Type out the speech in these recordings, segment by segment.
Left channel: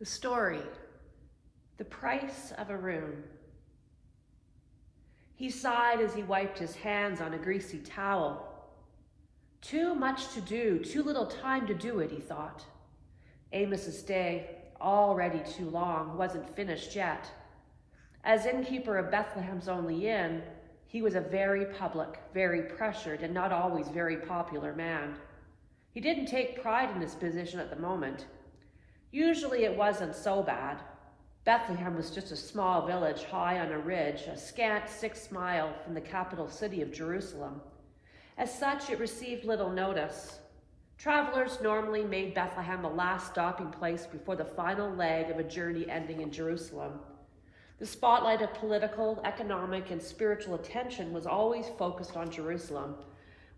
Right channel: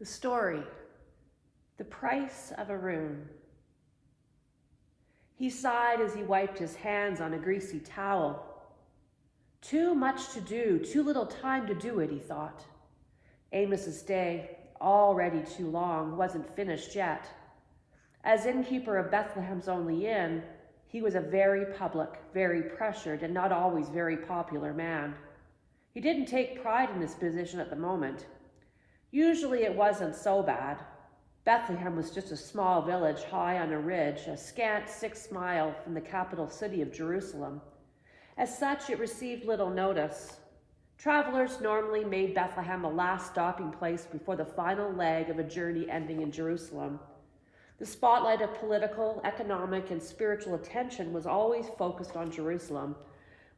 The story, The Price of a Room. He sighed as he wiped his hands on a greasy towel. Too much to do, too little time to do it, he thought. Amos's day, already too long, wasn't finished yet. As innkeeper of Bethlehem's only inn, he was a very public, very pressured, and not always very popular man. He didn't take pride in his position at the moment. Usually it wasn't so bad. Bethlehem was just a small village high on a ridge, a scant 6 miles from the capital city of Jerusalem. As such, it received little notice. Travelers normally made Bethlehem a last stopping place before the final leg of a journey ending in Jerusalem. The spotlight of political, economic, and spiritual attention was always focused on Jerusalem,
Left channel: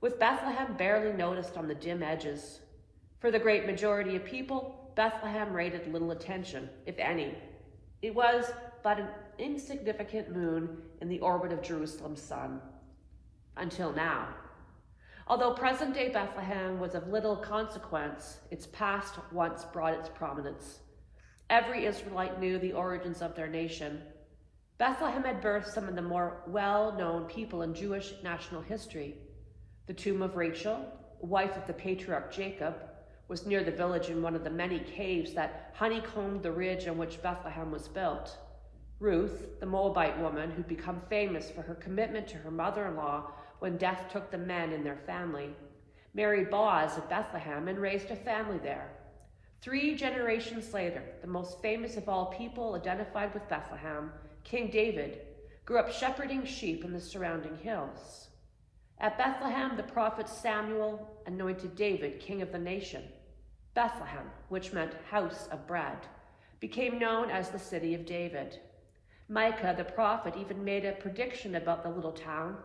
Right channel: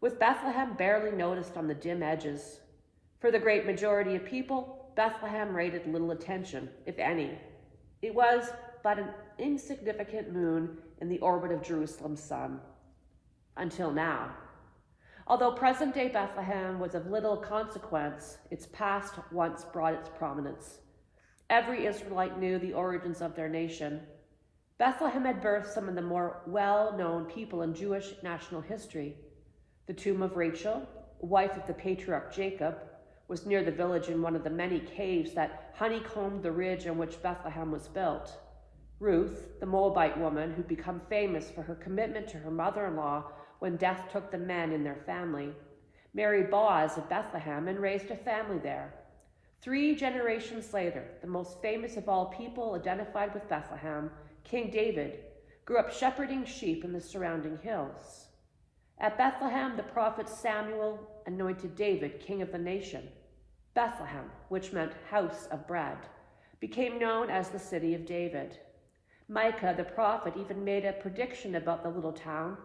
with Bethlehem barely noticed on the dim edges. For the great majority of people, Bethlehem rated little attention, if any. It was but an insignificant moon in the orbit of Jerusalem's sun. Until now. Although present-day Bethlehem was of little consequence, its past once brought its prominence. Every Israelite knew the origins of their nation. Bethlehem had birthed some of the more well-known people in Jewish national history. The tomb of Rachel, wife of the patriarch Jacob, was near the village in one of the many caves that honeycombed the ridge on which Bethlehem was built. Ruth, the Moabite woman who'd become famous for her commitment to her mother-in-law when death took the men in their family, married Boaz of Bethlehem and raised a family there. 3 generations later, the most famous of all people identified with Bethlehem, King David, grew up shepherding sheep in the surrounding hills. At Bethlehem, the prophet Samuel anointed David king of the nation. Bethlehem, which meant house of bread, became known as the city of David. Micah, the prophet, even made a prediction about the little town,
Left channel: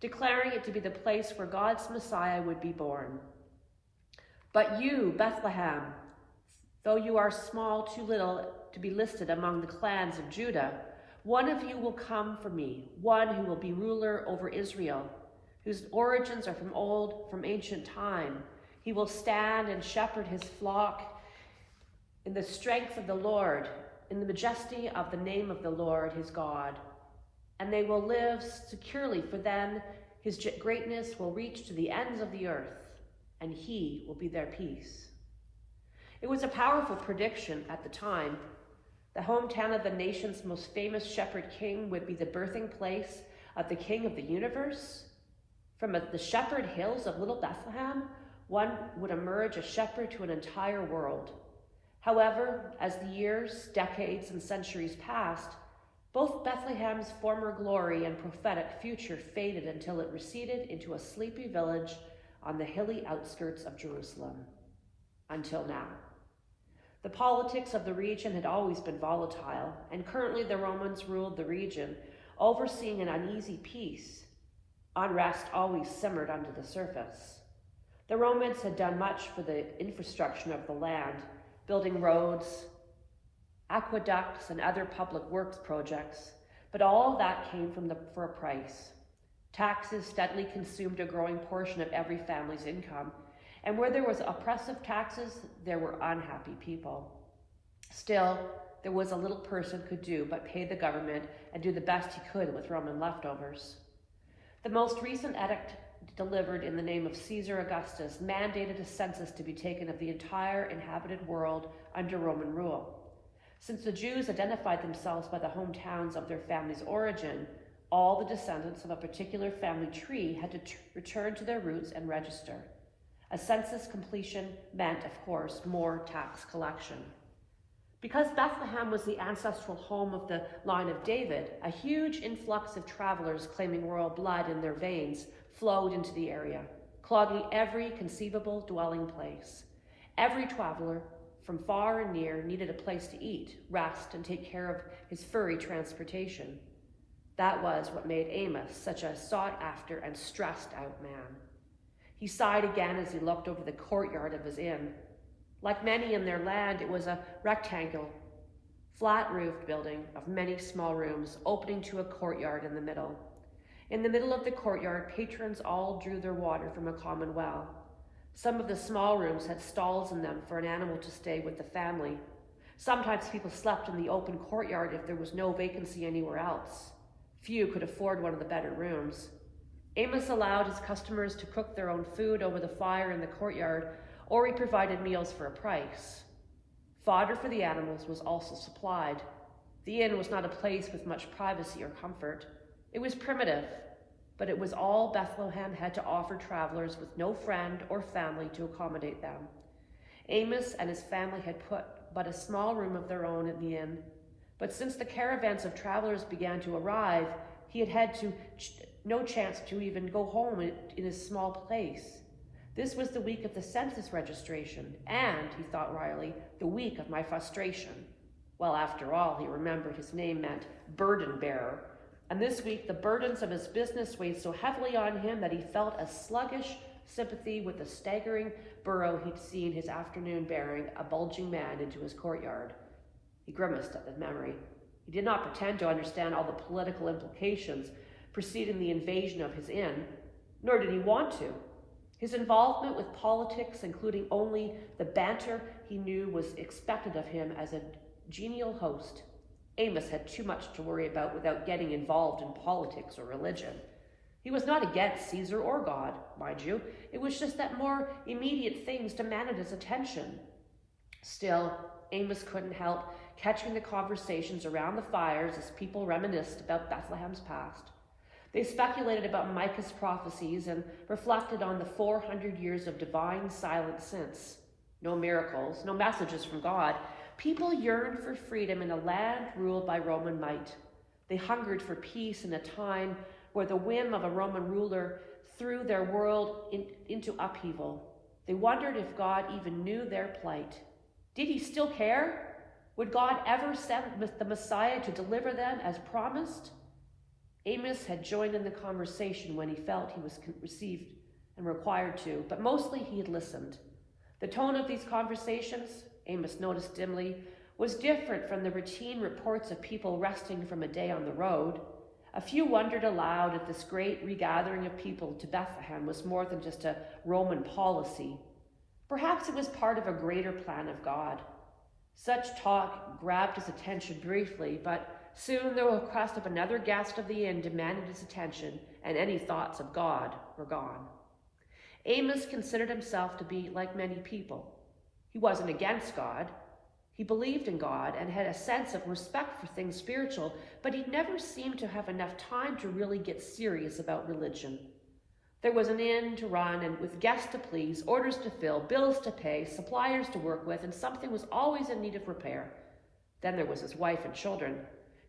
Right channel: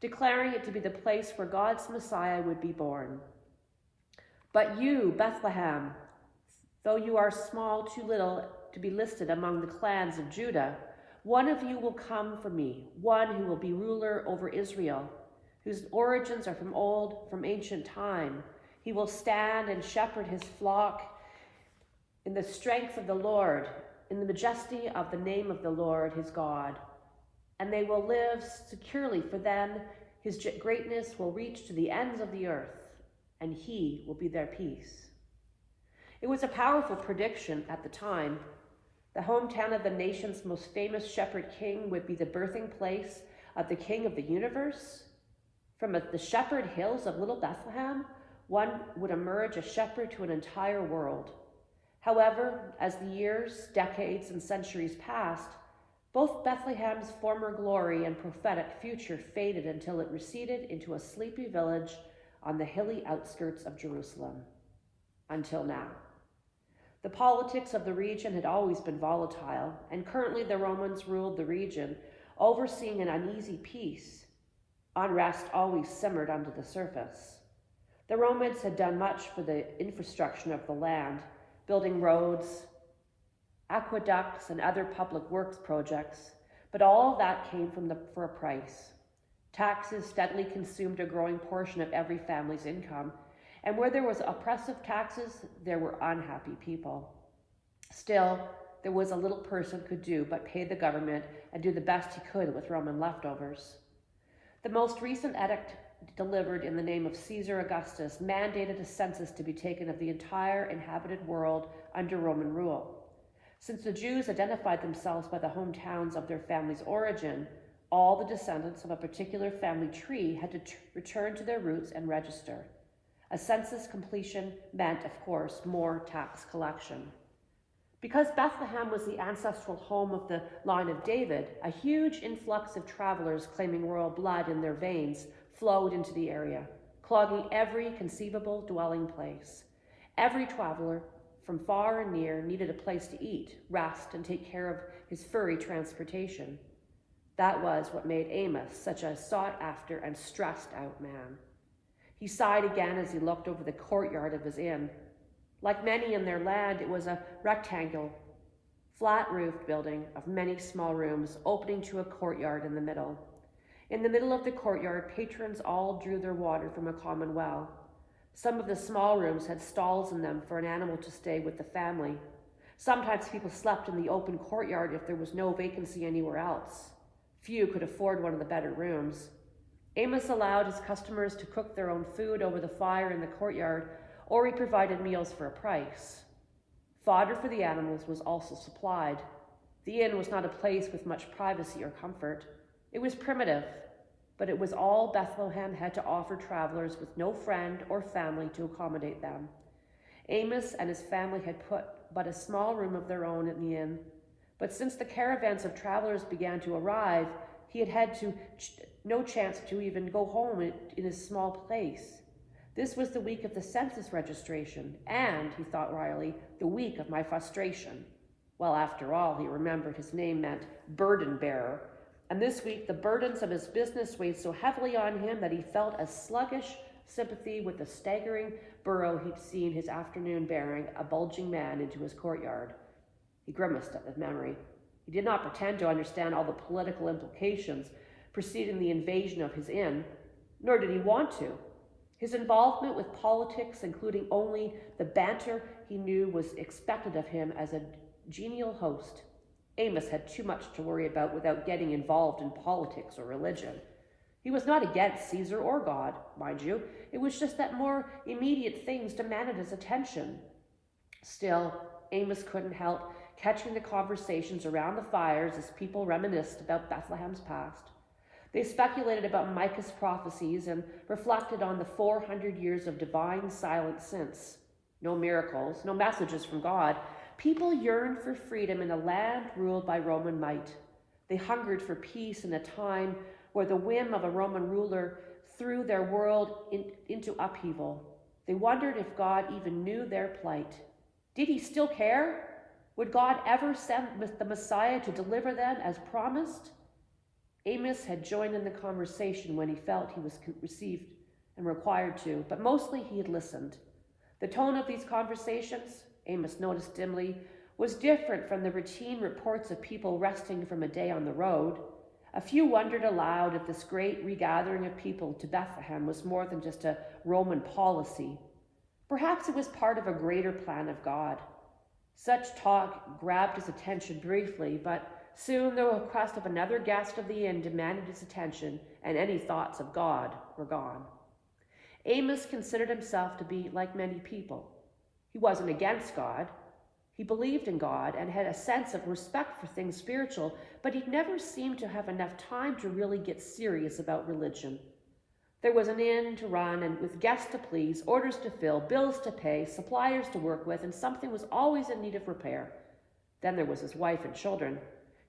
declaring it to be the place where God's Messiah would be born. But you, Bethlehem, though you are small, too little to be listed among the clans of Judah, one of you will come for me, one who will be ruler over Israel, whose origins are from ancient time. He will stand and shepherd his flock in the strength of the Lord, in the majesty of the name of the Lord his God. And they will live securely, for then his greatness will reach to the ends of the earth, and he will be their peace. It was a powerful prediction at the time. The hometown of the nation's most famous shepherd king would be the birthing place of the king of the universe. From the shepherd hills of little Bethlehem, one would emerge a shepherd to an entire world. However, as the years, decades, and centuries passed, both Bethlehem's former glory and prophetic future faded until it receded into a sleepy village on the hilly outskirts of Jerusalem. Until now. The politics of the region had always been volatile, and currently the Romans ruled the region, overseeing an uneasy peace. Unrest always simmered under the surface. The Romans had done much for the infrastructure of the land, building roads, aqueducts, and other public works projects, but all of that came for a price. Taxes steadily consumed a growing portion of every family's income, and where there was oppressive taxes, there were unhappy people. Still, there was a little person could do but pay the government and do the best he could with Roman leftovers. The most recent edict delivered in the name of Caesar Augustus mandated a census to be taken of the entire inhabited world under Roman rule. Since the Jews identified themselves by the hometowns of their family's origin, all the descendants of a particular family tree had to return to their roots and register. A census completion meant, of course, more tax collection. Because Bethlehem was the ancestral home of the line of David, a huge influx of travelers claiming royal blood in their veins flowed into the area, clogging every conceivable dwelling place. Every traveler, from far and near, needed a place to eat, rest, and take care of his furry transportation. That was what made Amos such a sought-after and stressed-out man. He sighed again as he looked over the courtyard of his inn. Like many in their land, it was a rectangle, flat-roofed building of many small rooms opening to a courtyard in the middle. In the middle of the courtyard, patrons all drew their water from a common well. Some of the small rooms had stalls in them for an animal to stay with the family. Sometimes people slept in the open courtyard if there was no vacancy anywhere else. Few could afford one of the better rooms. Amos allowed his customers to cook their own food over the fire in the courtyard, or he provided meals for a price. Fodder for the animals was also supplied. The inn was not a place with much privacy or comfort. It was primitive, but it was all Bethlehem had to offer travelers with no friend or family to accommodate them. Amos and his family had put but a small room of their own at the inn, but since the caravans of travelers began to arrive, he had no chance to even go home in his small place. This was the week of the census registration, and, he thought wryly, the week of my frustration. Well, after all, he remembered his name meant burden bearer, and this week the burdens of his business weighed so heavily on him that he felt a sluggish sympathy with the staggering burro he'd seen his afternoon bearing a bulging man into his courtyard. He grimaced at the memory. He did not pretend to understand all the political implications preceding the invasion of his inn, nor did he want to. His involvement with politics, including only the banter he knew was expected of him as a genial host. Amos had too much to worry about without getting involved in politics or religion. He was not against Caesar or God, mind you. It was just that more immediate things demanded his attention. Still, Amos couldn't help catching the conversations around the fires as people reminisced about Bethlehem's past. They speculated about Micah's prophecies and reflected on the 400 years of divine silence since. No miracles, no messages from God. People yearned for freedom in a land ruled by Roman might. They hungered for peace in a time where the whim of a Roman ruler threw their world into upheaval. They wondered if God even knew their plight. Did he still care? Would God ever send the Messiah to deliver them as promised? Amos had joined in the conversation when he felt he was received and required to, but mostly he had listened. The tone of these conversations, Amos noticed dimly, was different from the routine reports of people resting from a day on the road. A few wondered aloud if this great regathering of people to Bethlehem was more than just a Roman policy. Perhaps it was part of a greater plan of God. Such talk grabbed his attention briefly, but soon the request of another guest of the inn demanded his attention, and any thoughts of God were gone. Amos considered himself to be like many people. He wasn't against God. He believed in God and had a sense of respect for things spiritual, but he never seemed to have enough time to really get serious about religion. There was an inn to run, and with guests to please, orders to fill, bills to pay, suppliers to work with, and something was always in need of repair. Then there was his wife and children.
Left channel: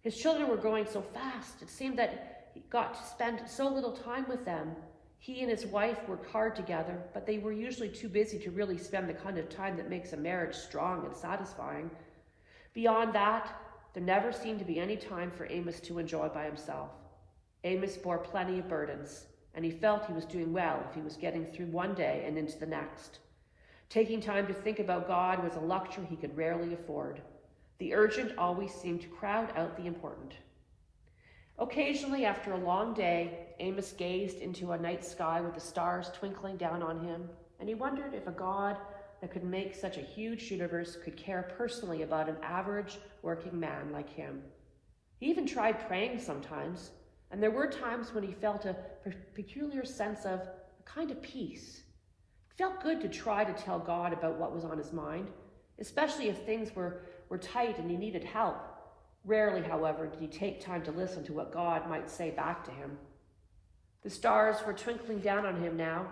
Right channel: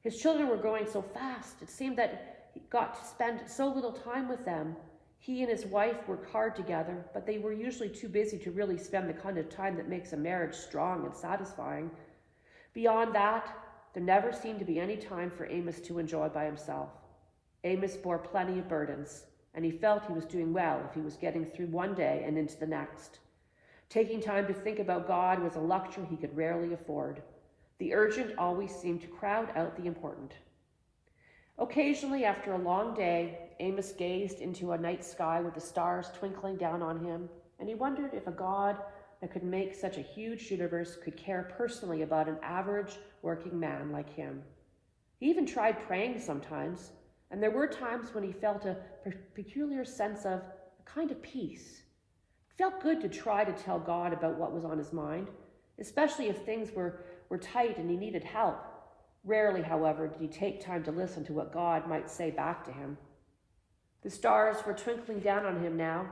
His children were growing so fast, it seemed that he got to spend so little time with them. He and his wife worked hard together, but they were usually too busy to really spend the kind of time that makes a marriage strong and satisfying. Beyond that, there never seemed to be any time for Amos to enjoy by himself. Amos bore plenty of burdens, and he felt he was doing well if he was getting through one day and into the next. Taking time to think about God was a luxury he could rarely afford. The urgent always seemed to crowd out the important. Occasionally, after a long day, Amos gazed into a night sky with the stars twinkling down on him, and he wondered if a God that could make such a huge universe could care personally about an average working man like him. He even tried praying sometimes, and there were times when he felt a peculiar sense of a kind of peace. It felt good to try to tell God about what was on his mind, especially if things were tight and he needed help. Rarely, however, did he take time to listen to what God might say back to him. The stars were twinkling down on him now,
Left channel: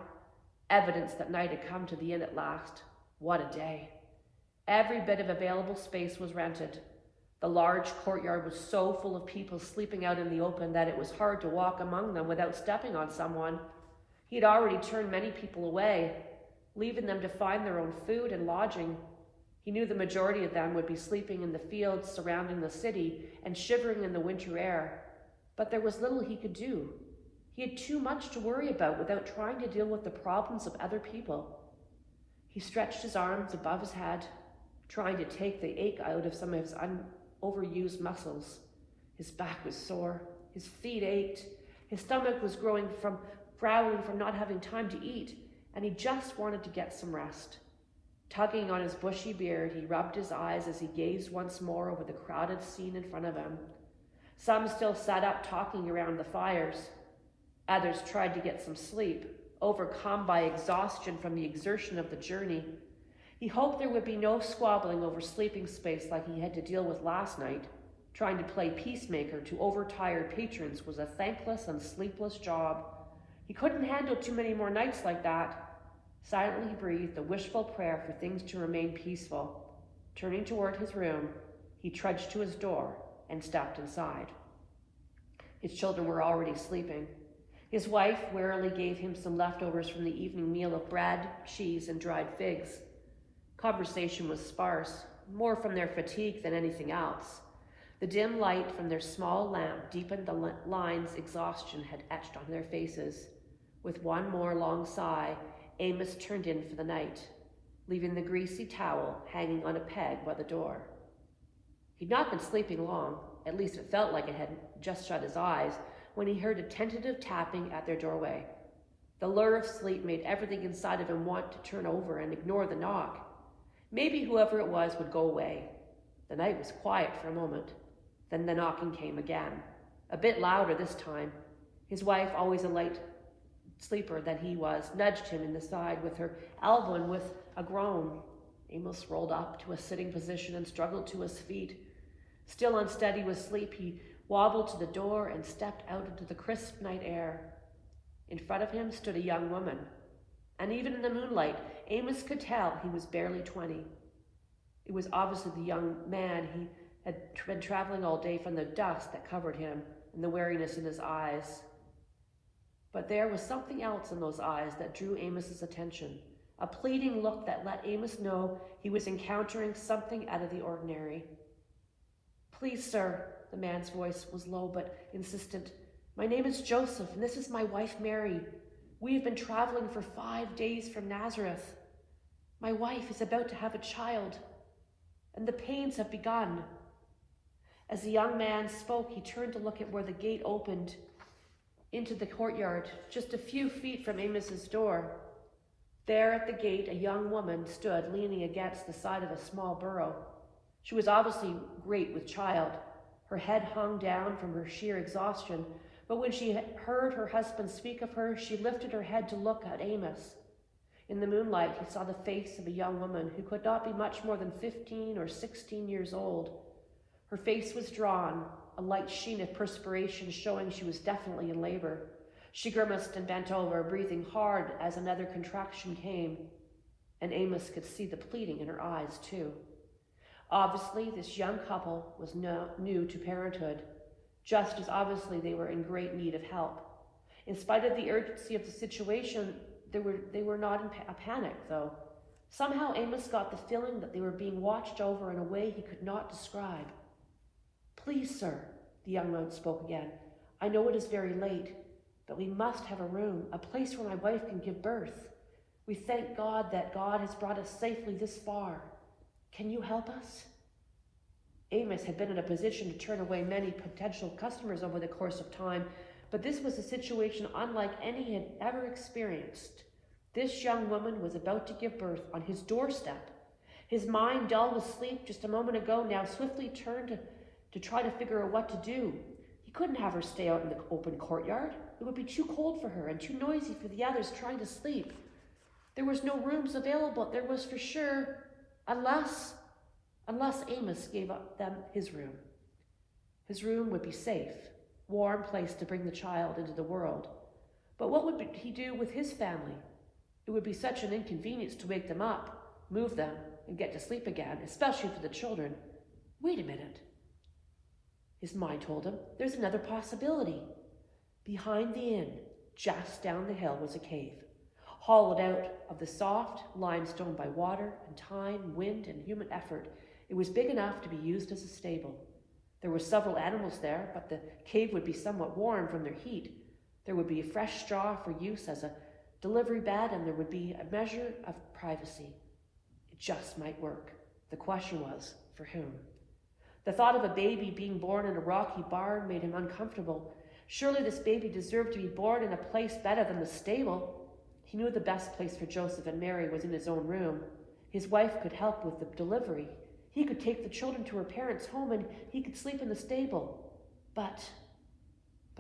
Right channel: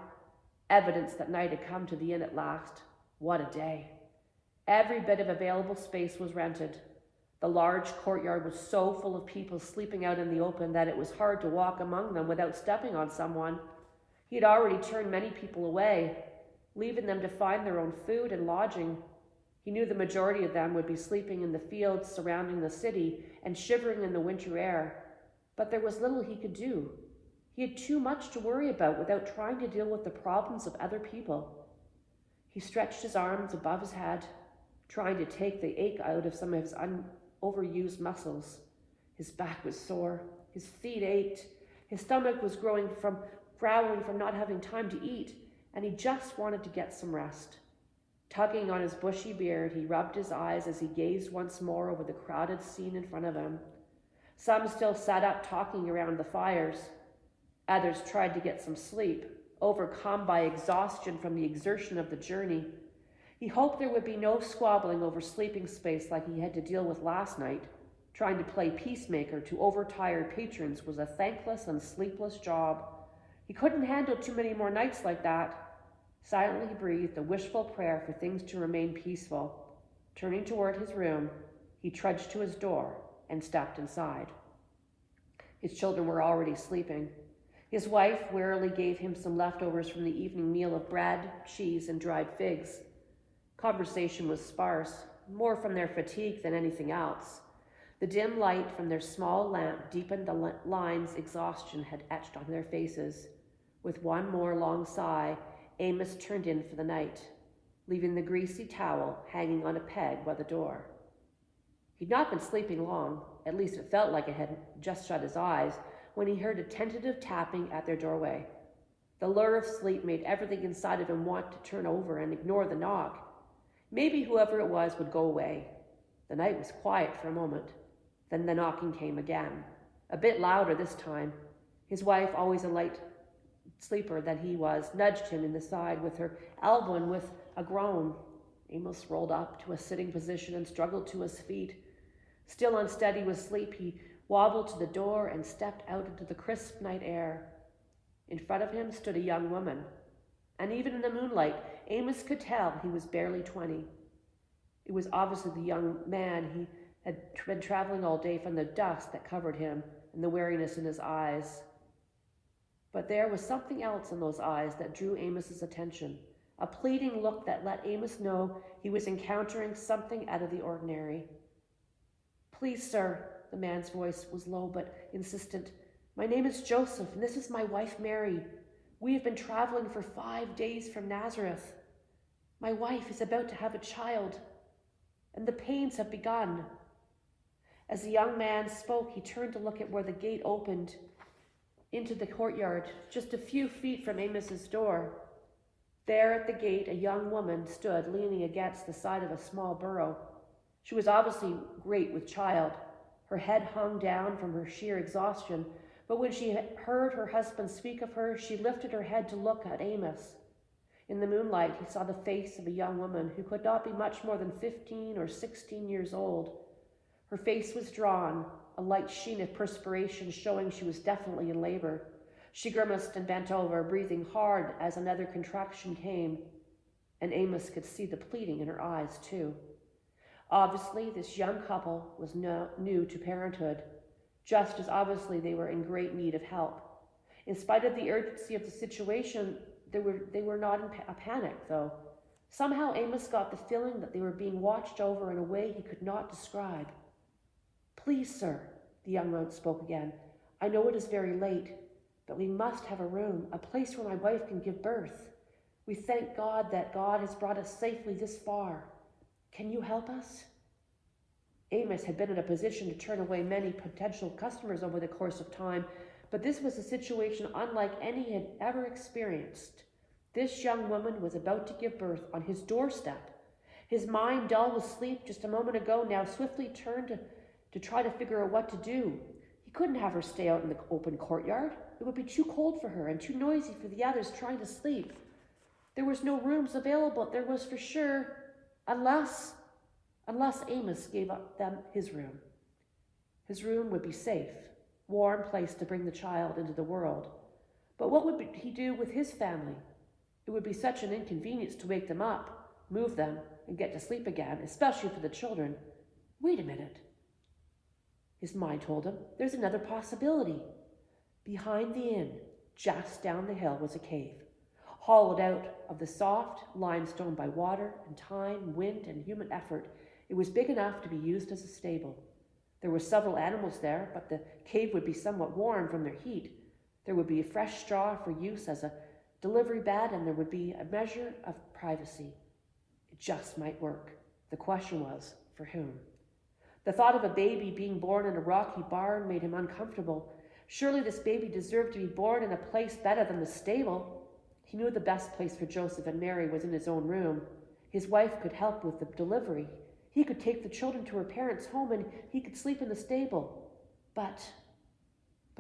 evidence that night had come to the inn at last. What a day. Every bit of available space was rented. The large courtyard was so full of people sleeping out in the open that it was hard to walk among them without stepping on someone. He had already turned many people away, leaving them to find their own food and lodging. He knew the majority of them would be sleeping in the fields surrounding the city and shivering in the winter air, but there was little he could do. He had too much to worry about without trying to deal with the problems of other people. He stretched his arms above his head, trying to take the ache out of some of his overused muscles. His back was sore, his feet ached, his stomach was growling from not having time to eat, and he just wanted to get some rest. Tugging on his bushy beard, he rubbed his eyes as he gazed once more over the crowded scene in front of him. Some still sat up talking around the fires. Others tried to get some sleep, overcome by exhaustion from the exertion of the journey. He hoped there would be no squabbling over sleeping space like he had to deal with last night. Trying to play peacemaker to overtired patrons was a thankless and sleepless job. He couldn't handle too many more nights like that. Silently he breathed a wishful prayer for things to remain peaceful. Turning toward his room, he trudged to his door and stepped inside. His children were already sleeping. His wife warily gave him some leftovers from the evening meal of bread, cheese, and dried figs. Conversation was sparse, more from their fatigue than anything else. The dim light from their small lamp deepened the lines exhaustion had etched on their faces. With one more long sigh, Amos turned in for the night, leaving the greasy towel hanging on a peg by the door. He'd not been sleeping long, at least it felt like it had just shut his eyes, when he heard a tentative tapping at their doorway. The lure of sleep made everything inside of him want to turn over and ignore the knock. Maybe whoever it was would go away. The night was quiet for a moment. Then the knocking came again, a bit louder this time. His wife, always a light sleeper than he was, nudged him in the side with her elbow, and with a groan, Amos rolled up to a sitting position and struggled to his feet. Still unsteady with sleep, he wobbled to the door and stepped out into the crisp night air. In front of him stood a young woman, and even in the moonlight, Amos could tell he was barely 20. It was obviously the young man. He had been traveling all day from the dust that covered him and the weariness in his eyes. But there was something else in those eyes that drew Amos's attention, a pleading look that let Amos know he was encountering something out of the ordinary. "Please, sir," the man's voice was low but insistent. "My name is Joseph, and this is my wife, Mary. We have been traveling for 5 days from Nazareth. My wife is about to have a child, and the pains have begun." As the young man spoke, he turned to look at where the gate opened into the courtyard, just a few feet from Amos's door. There at the gate, a young woman stood leaning against the side of a small burrow. She was obviously great with child. Her head hung down from her sheer exhaustion, but when she heard her husband speak of her, she lifted her head to look at Amos. In the moonlight, he saw the face of a young woman who could not be much more than 15 or 16 years old. Her face was drawn, a light sheen of perspiration showing she was definitely in labor. She grimaced and bent over, breathing hard as another contraction came, and Amos could see the pleading in her eyes too. Obviously, this young couple was new to parenthood, just as obviously they were in great need of help. In spite of the urgency of the situation, they were not in a panic, though. Somehow Amos got the feeling that they were being watched over in a way he could not describe. "Please, sir," the young man spoke again. "I know it is very late, but we must have a room, a place where my wife can give birth. We thank God that God has brought us safely this far. Can you help us?" Amos had been in a position to turn away many potential customers over the course of time, but this was a situation unlike any he had ever experienced. This young woman was about to give birth on his doorstep. His mind, dull with sleep just a moment ago, now swiftly turned to try to figure out what to do. He couldn't have her stay out in the open courtyard. It would be too cold for her and too noisy for the others trying to sleep. There was no rooms available, there was for sure, unless Amos gave up them his room. His room would be safe, warm place to bring the child into the world. But what would he do with his family? It would be such an inconvenience to wake them up, move them, and get to sleep again, especially for the children. Wait a minute. His mind told him, there's another possibility. Behind the inn, just down the hill, was a cave, hollowed out of the soft limestone by water and time, wind, and human effort. It was big enough to be used as a stable. There were several animals there, but the cave would be somewhat warm from their heat. There would be a fresh straw for use as a delivery bed, and there would be a measure of privacy. It just might work. The question was, for whom? The thought of a baby being born in a rocky barn made him uncomfortable. Surely this baby deserved to be born in a place better than the stable. He knew the best place for Joseph and Mary was in his own room. His wife could help with the delivery. He could take the children to her parents' home and he could sleep in the stable. But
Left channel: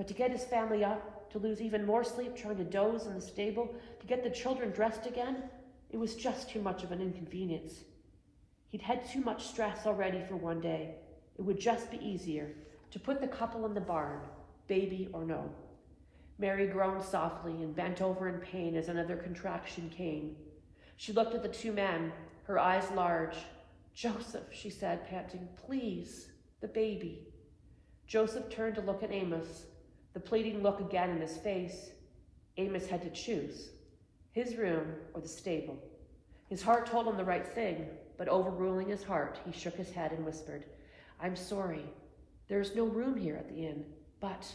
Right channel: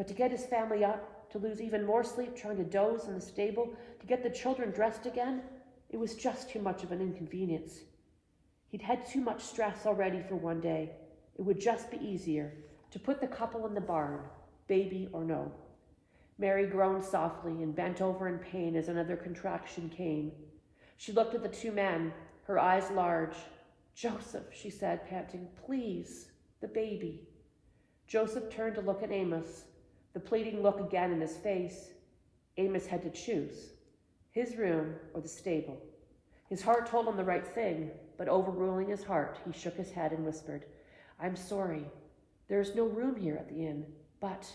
to get his family up, to lose even more sleep trying to doze in the stable, to get the children dressed again, it was just too much of an inconvenience. He'd had too much stress already for one day. It would just be easier to put the couple in the barn, baby or no. Mary groaned softly and bent over in pain as another contraction came. She looked at the two men, her eyes large. "Joseph," she said, panting, "please, the baby." Joseph turned to look at Amos, the pleading look again in his face. Amos had to choose, his room or the stable. His heart told him the right thing, but overruling his heart, he shook his head and whispered, "I'm sorry. There is no room here at the inn, but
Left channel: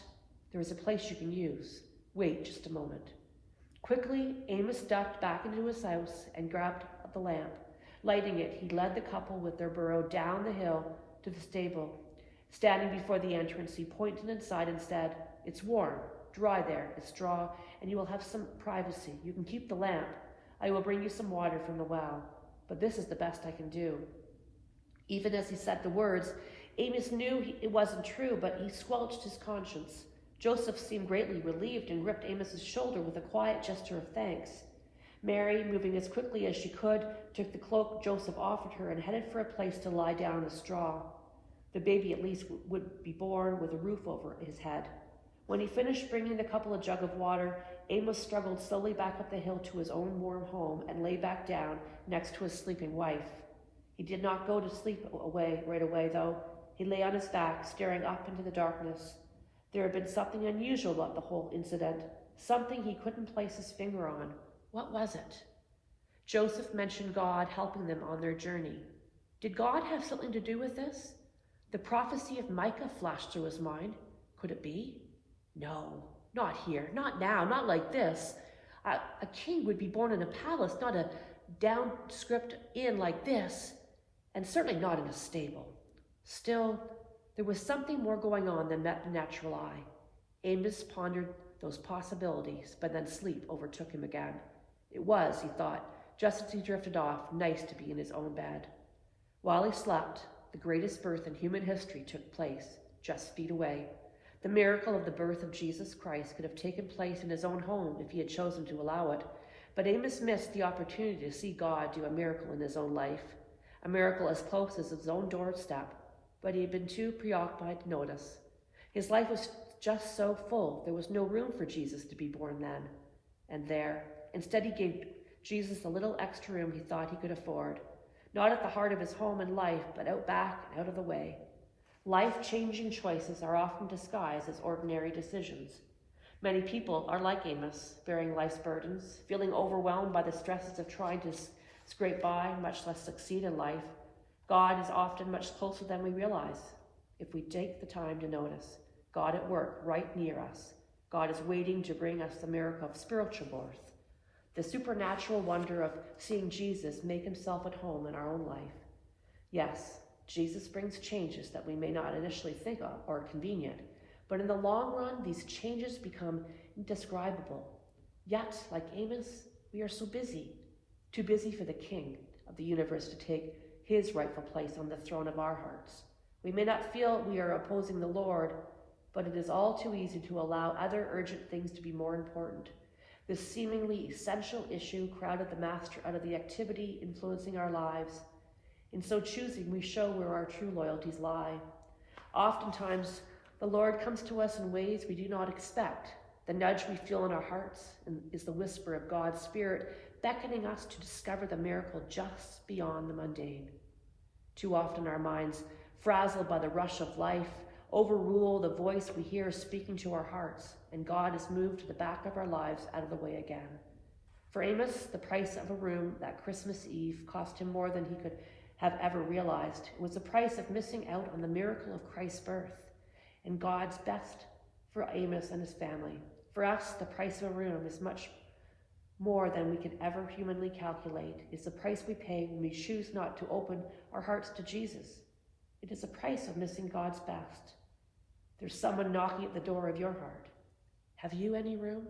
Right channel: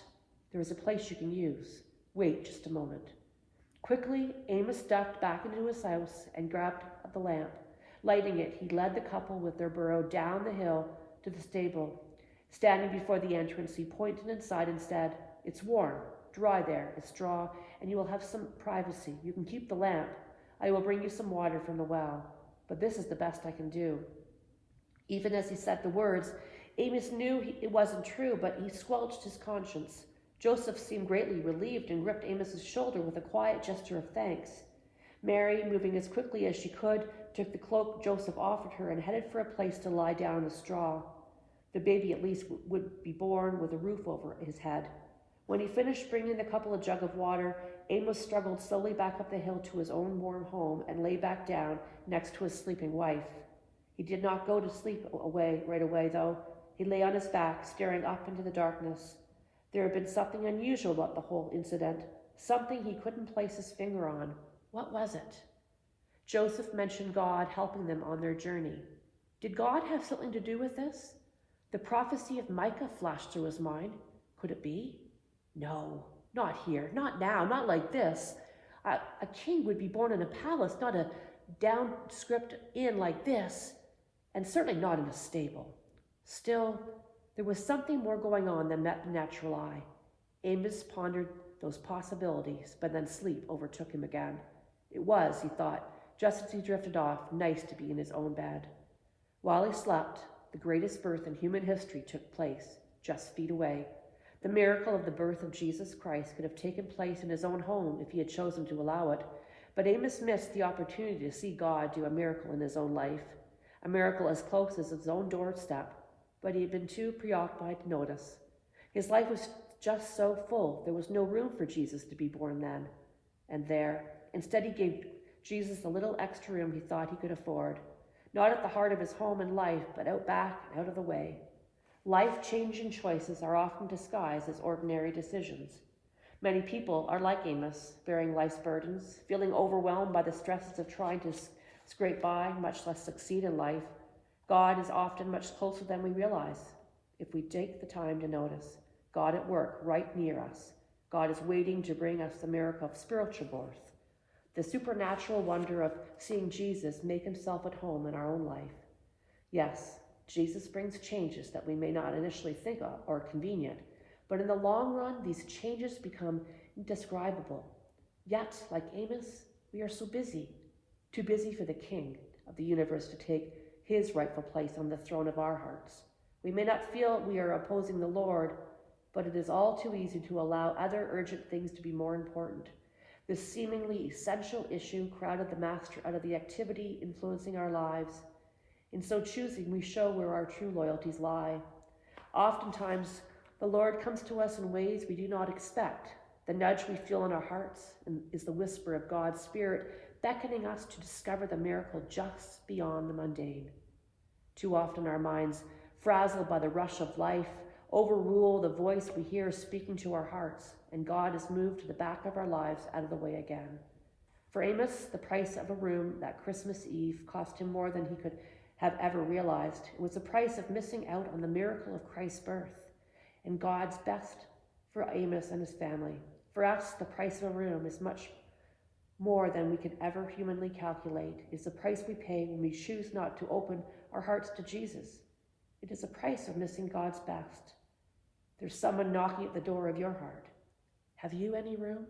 there is a place you can use. Wait just a moment." Quickly, Amos ducked back into his house and grabbed the lamp. Lighting it, he led the couple with their burro down the hill to the stable. Standing before the entrance, he pointed inside and said, "It's warm, dry there, it's straw, and you will have some privacy. You can keep the lamp. I will bring you some water from the well, but this is the best I can do." Even as he said the words, Amos knew it wasn't true, but he squelched his conscience. Joseph seemed greatly relieved and gripped Amos's shoulder with a quiet gesture of thanks. Mary, moving as quickly as she could, took the cloak Joseph offered her and headed for a place to lie down on the straw. The baby at least would be born with a roof over his head. When he finished bringing the couple a jug of water, Amos struggled slowly back up the hill to his own warm home and lay back down next to his sleeping wife. He did not go to sleep right away, though. He lay on his back, staring up into the darkness. There had been something unusual about the whole incident, something he couldn't place his finger on. What was it? Joseph mentioned God helping them on their journey. Did God have something to do with this? The prophecy of Micah flashed through his mind. Could it be? No, not here, not now, not like this. A king would be born in a palace, not a downscript inn like this, and certainly not in a stable. Still, there was something more going on than met the natural eye. Amos pondered those possibilities, but then sleep overtook him again. It was, he thought, just as he drifted off, nice to be in his own bed. While he slept, the greatest birth in human history took place, just feet away. The miracle of the birth of Jesus Christ could have taken place in his own home if he had chosen to allow it, but Amos missed the opportunity to see God do a miracle in his own life, a miracle as close as his own doorstep, but he had been too preoccupied to notice. His life was just so full, there was no room for Jesus to be born then and there. Instead, he gave Jesus the little extra room he thought he could afford, not at the heart of his home and life, but out back and out of the way. Life-changing choices are often disguised as ordinary decisions. Many people are like Amos, bearing life's burdens, feeling overwhelmed by the stresses of trying to scrape by, much less succeed in life. God is often much closer than we realize, if we take the time to notice. God at work right near us. God is waiting to bring us the miracle of spiritual birth, the supernatural wonder of seeing Jesus make himself at home in our own life. Yes, Jesus brings changes that we may not initially think of or convenient, but in the long run, these changes become indescribable. Yet, like Amos, we are so busy, too busy for the King of the universe to take his rightful place on the throne of our hearts. We may not feel we are opposing the Lord, but it is all too easy to allow other urgent things to be more important. This seemingly essential issue crowded the Master out of the activity influencing our lives. In so choosing, we show where our true loyalties lie. Oftentimes, the Lord comes to us in ways we do not expect. The nudge we feel in our hearts is the whisper of God's Spirit beckoning us to discover the miracle just beyond the mundane. Too often our minds, frazzled by the rush of life, overrule the voice we hear speaking to our hearts, and God is moved to the back of our lives out of the way again. For Amos, the price of a room that Christmas Eve cost him more than he could have ever realized. It was the price of missing out on the miracle of Christ's birth, and God's best for Amos and his family. For us, the price of a room is much more than we could ever humanly calculate. It's the price we pay when we choose not to open our hearts to Jesus. It is the price of missing God's best. There's someone knocking at the door of your heart. Have you any room?